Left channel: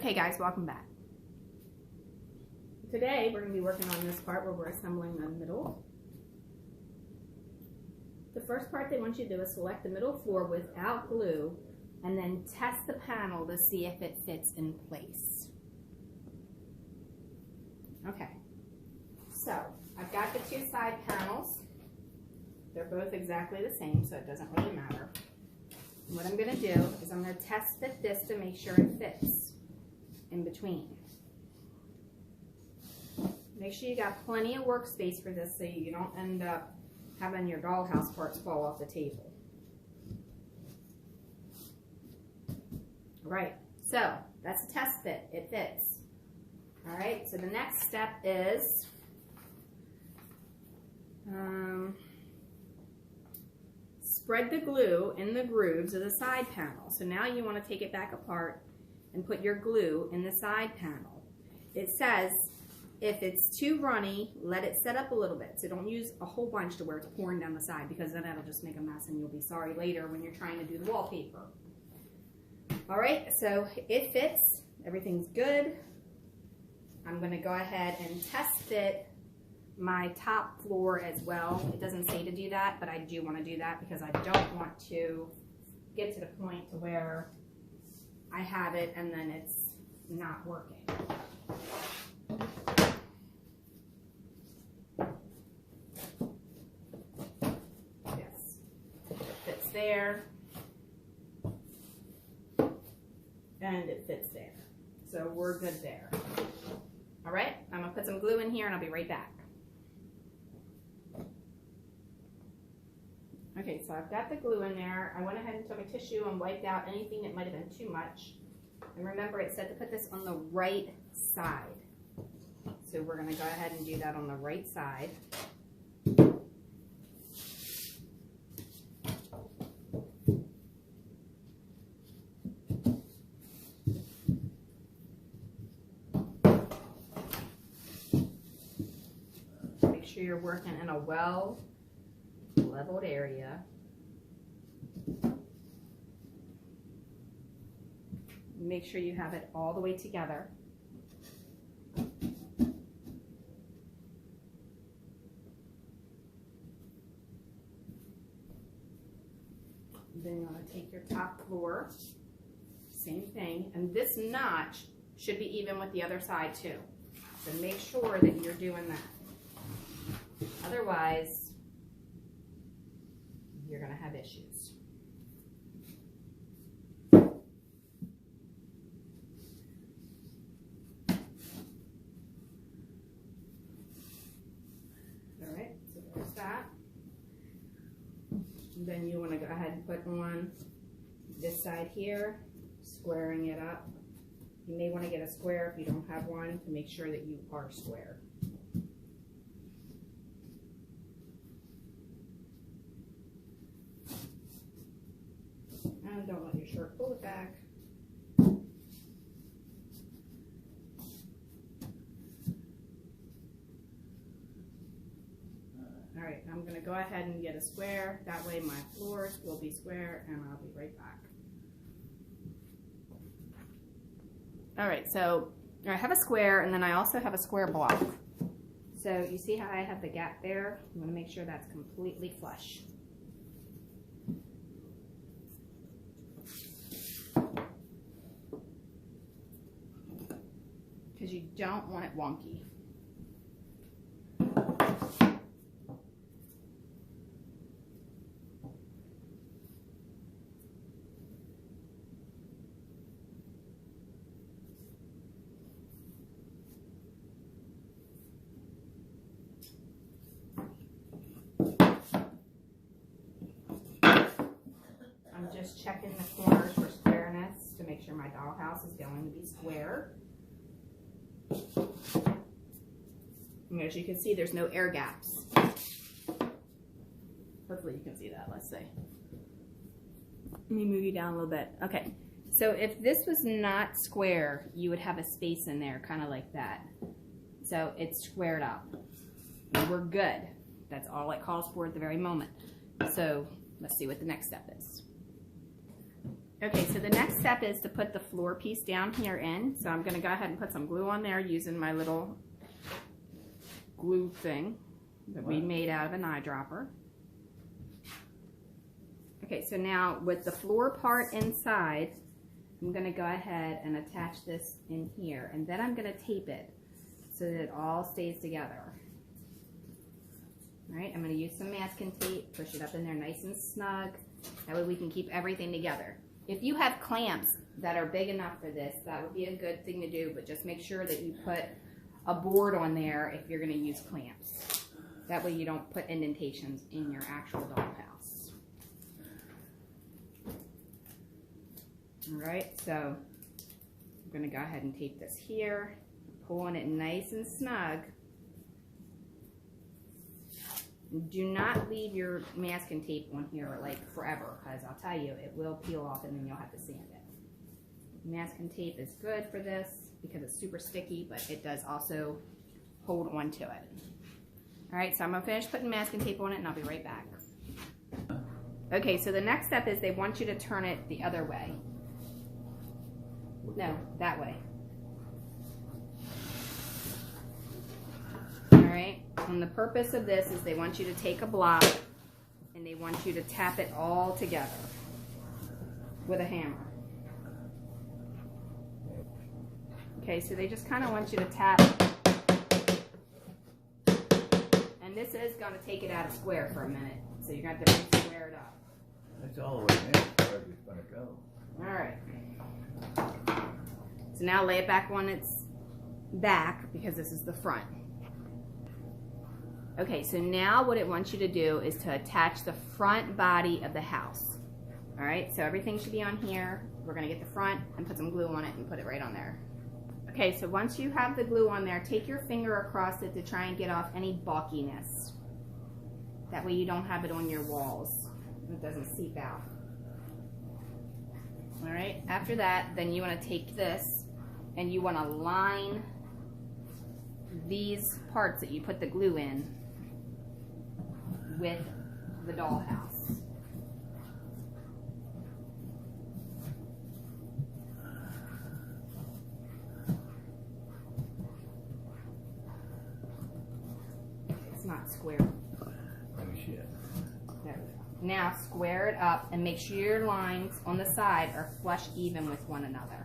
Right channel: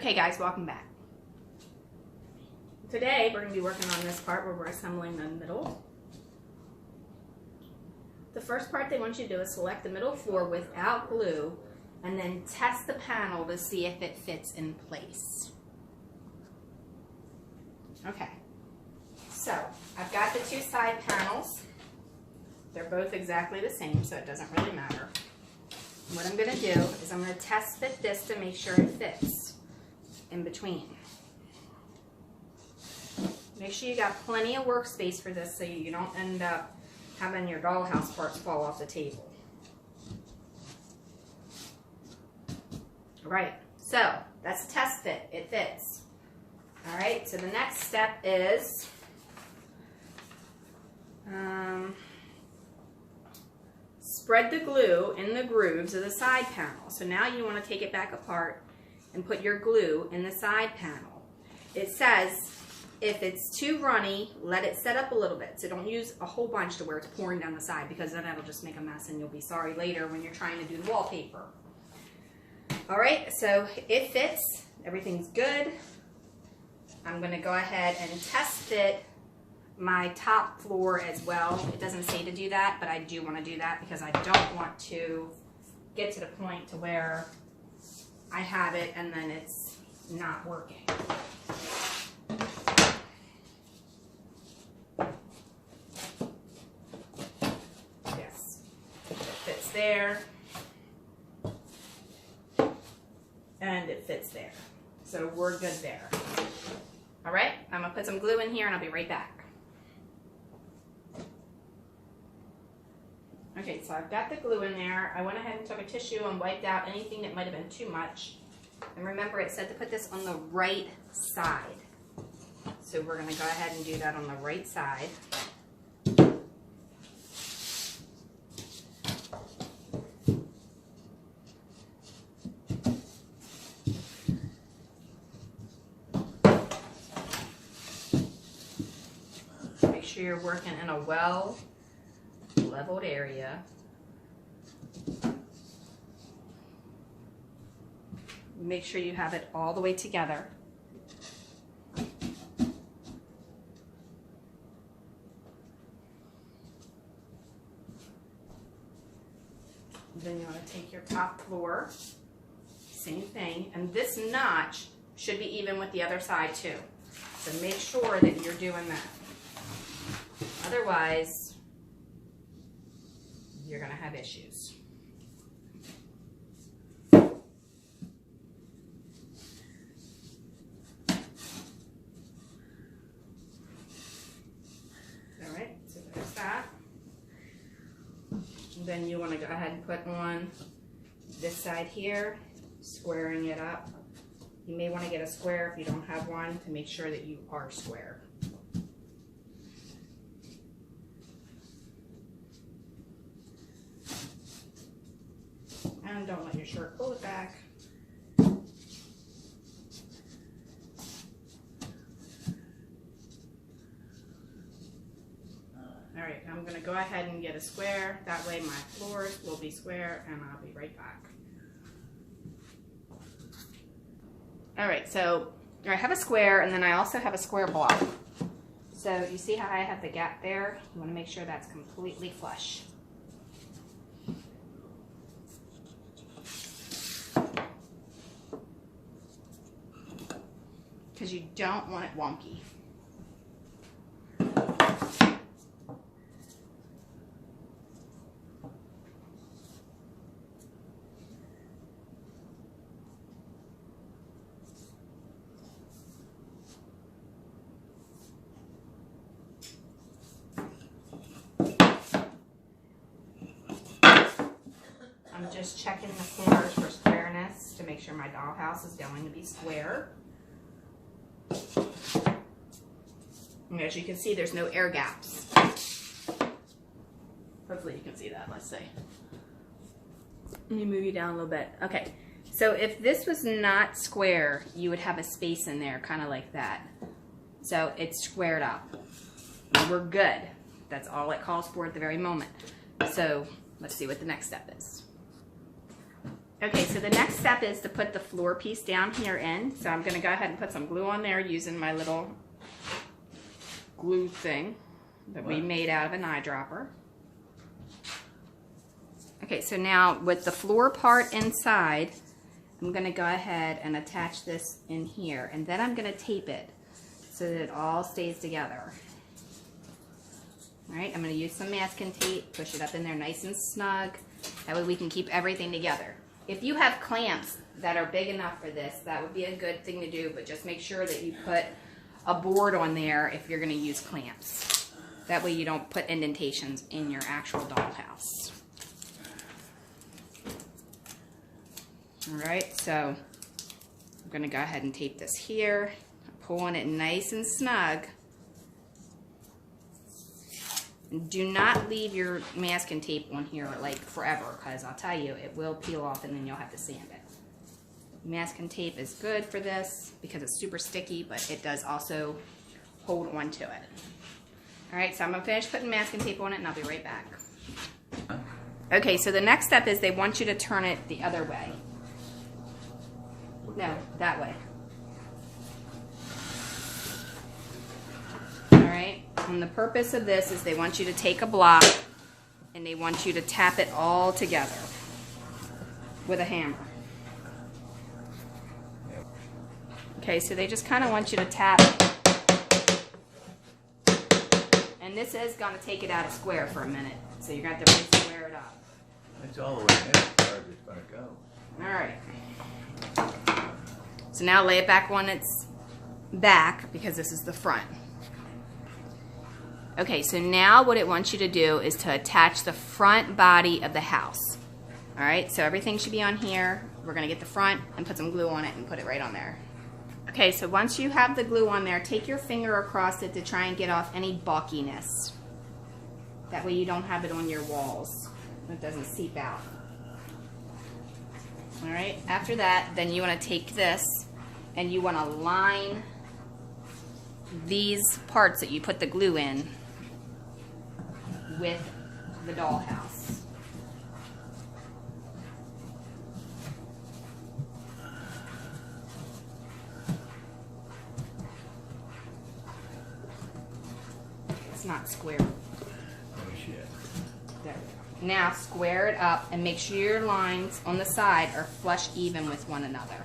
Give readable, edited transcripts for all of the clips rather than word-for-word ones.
Okay guys, welcome back. Today we're going to be working on this part where we're assembling the middle. The first part they want you to do is select the middle floor without glue and then test the panel to see if it fits in place. Okay, so I've got the two side panels. They're both exactly the same, so it doesn't really matter. What I'm going to do is I'm going to test fit this to make sure it fits in between. Make sure you got plenty of workspace for this so you don't end up having your dollhouse parts fall off the table. All right, so that's a test fit. It fits. All right, so the next step is spread the glue in the grooves of the side panel. So now you want to take it back apart and put your glue in the side panel. It says if it's too runny, let it set up a little bit. So don't use a whole bunch to where it's pouring down the side, because then that'll just make a mess and you'll be sorry later when you're trying to do the wallpaper. All right, so it fits. Everything's good. I'm going to go ahead and test fit my top floor as well. It doesn't say to do that, but I do want to do that because I don't want to get to the point to where I have it and then it's not working. Yes, it fits there and it fits there. So we're good there. All right, I'm gonna put some glue in here and I'll be right back. Okay, so I've got the glue in there. I went ahead and took a tissue and wiped out anything that might have been too much. And remember, it said to put this on the right side. So we're gonna go ahead and do that on the right side. Make sure you're working in a well-leveled area. Make sure you have it all the way together. Then you want to take your top floor, same thing, and this notch should be even with the other side too. So make sure that you're doing that. Otherwise, you're going to have issues. All right, so there's that. And then you want to go ahead and put on this side here, squaring it up. You may want to get a square if you don't have one to make sure that you are square. And don't let your shirt pull it back. All right, I'm going to go ahead and get a square. That way my floors will be square and I'll be right back. All right, so I have a square and then I also have a square block. So you see how I have the gap there? You want to make sure that's completely flush. Because you don't want it wonky. I'm just checking the corners for squareness to make sure my dollhouse is going to be square. And as you can see, there's no air gaps. Hopefully you can see that. Let's see. Let me move you down a little bit. Okay, so if this was not square, you would have a space in there, kind of like that. So it's squared up. We're good. That's all it calls for at the very moment. So let's see what the next step is. Okay, so the next step is to put the floor piece down here in. So I'm going to go ahead and put some glue on there using my little glue thing that we made out of an eyedropper. Okay, so now with the floor part inside, I'm going to go ahead and attach this in here, and then I'm going to tape it so that it all stays together. All right, I'm going to use some masking tape, push it up in there nice and snug. That way we can keep everything together. If you have clamps that are big enough for this, that would be a good thing to do, but just make sure that you put a board on there if you're going to use clamps. That way you don't put indentations in your actual dollhouse. Alright, so I'm going to go ahead and tape this here, pull on it nice and snug. Do not leave your masking tape on here like forever, because I'll tell you, it will peel off and then you'll have to sand it. Masking tape is good for this because it's super sticky, but it does also hold on to it. Alright, so I'm going to finish putting masking tape on it and I'll be right back. Okay, so the next step is they want you to turn it the other way. No, that way. Alright, and the purpose of this is they want you to take a block and they want you to tap it all together with a hammer. Okay, so they just kind of want you to tap. And this is going to take it out of square for a minute, so you're going to have to really square it up. It's all the way in as far as it's going to go. Alright. So now lay it back on its back because this is the front. Okay, so now what it wants you to do is to attach the front body of the house. Alright, so everything should be on here. We're going to get the front and put some glue on it and put it right on there. Okay, so once you have the glue on there, take your finger across it to try and get off any bulkiness. That way you don't have it on your walls. It doesn't seep out. Alright, after that, then you want to take this and you want to line these parts that you put the glue in with the dollhouse. It's not square. Oh shit. There we go. Now square it up and make sure your lines on the side are flush even with one another.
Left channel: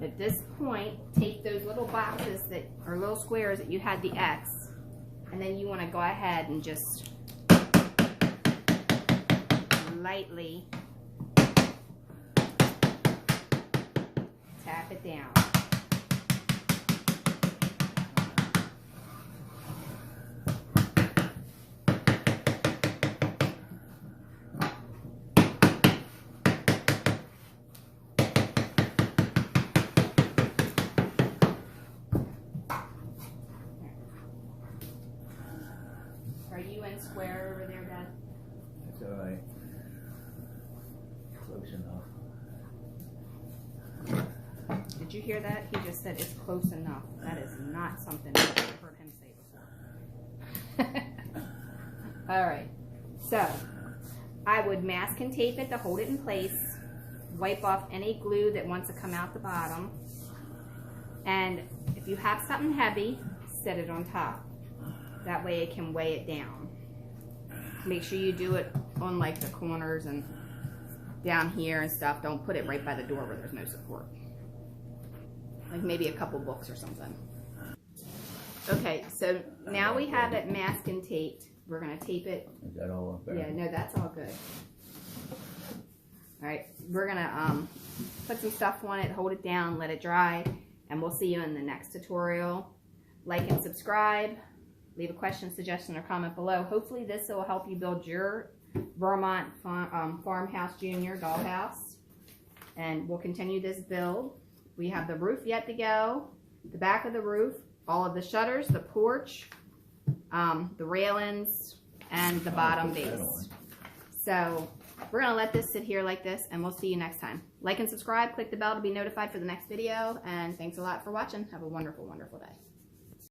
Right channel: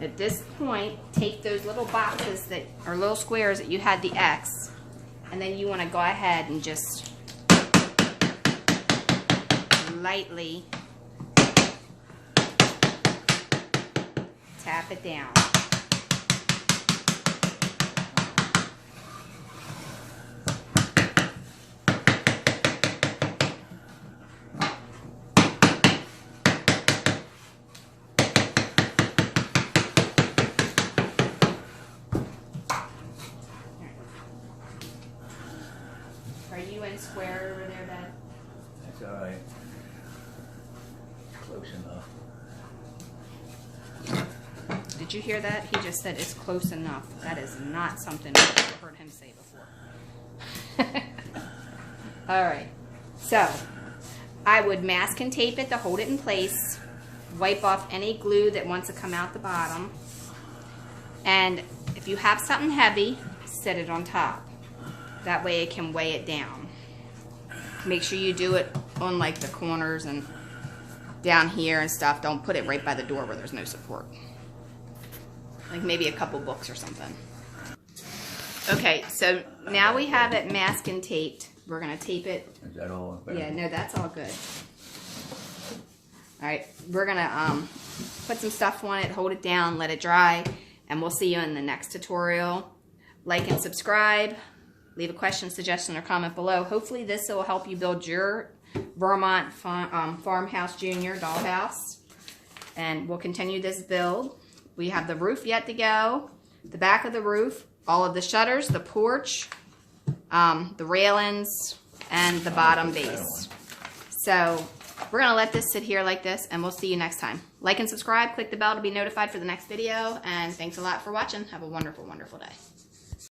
At this point, take those little boxes that are little squares that you had the X, and then you want to go ahead and just lightly tap it down. Are you in square over there, Dad? That's all right. Close enough. Did you hear that? He just said it's close enough. That is not something I've ever heard him say before. Alright, so I would mask and tape it to hold it in place, wipe off any glue that wants to come out the bottom, and if you have something heavy, set it on top. That way it can weigh it down. Make sure you do it on like the corners and down here and stuff. Don't put it right by the door where there's no support. Like maybe a couple books or something. Okay, so now we have it masked and taped. We're going to tape it. Is that all? Yeah, no, that's all good. Alright, we're going to put some stuff on it, hold it down, let it dry, and we'll see you in the next tutorial. Like and subscribe. Leave a question, suggestion, or comment below. Hopefully this will help you build your Vermont Farmhouse Junior dollhouse. And we'll continue this build. We have the roof yet to go, the back of the roof, all of the shutters, the porch, the railings, and the bottom base. So we're going to let this sit here like this, and we'll see you next time. Like and subscribe, click the bell to be notified for the next video, and thanks a lot for watching. Have a wonderful, wonderful day.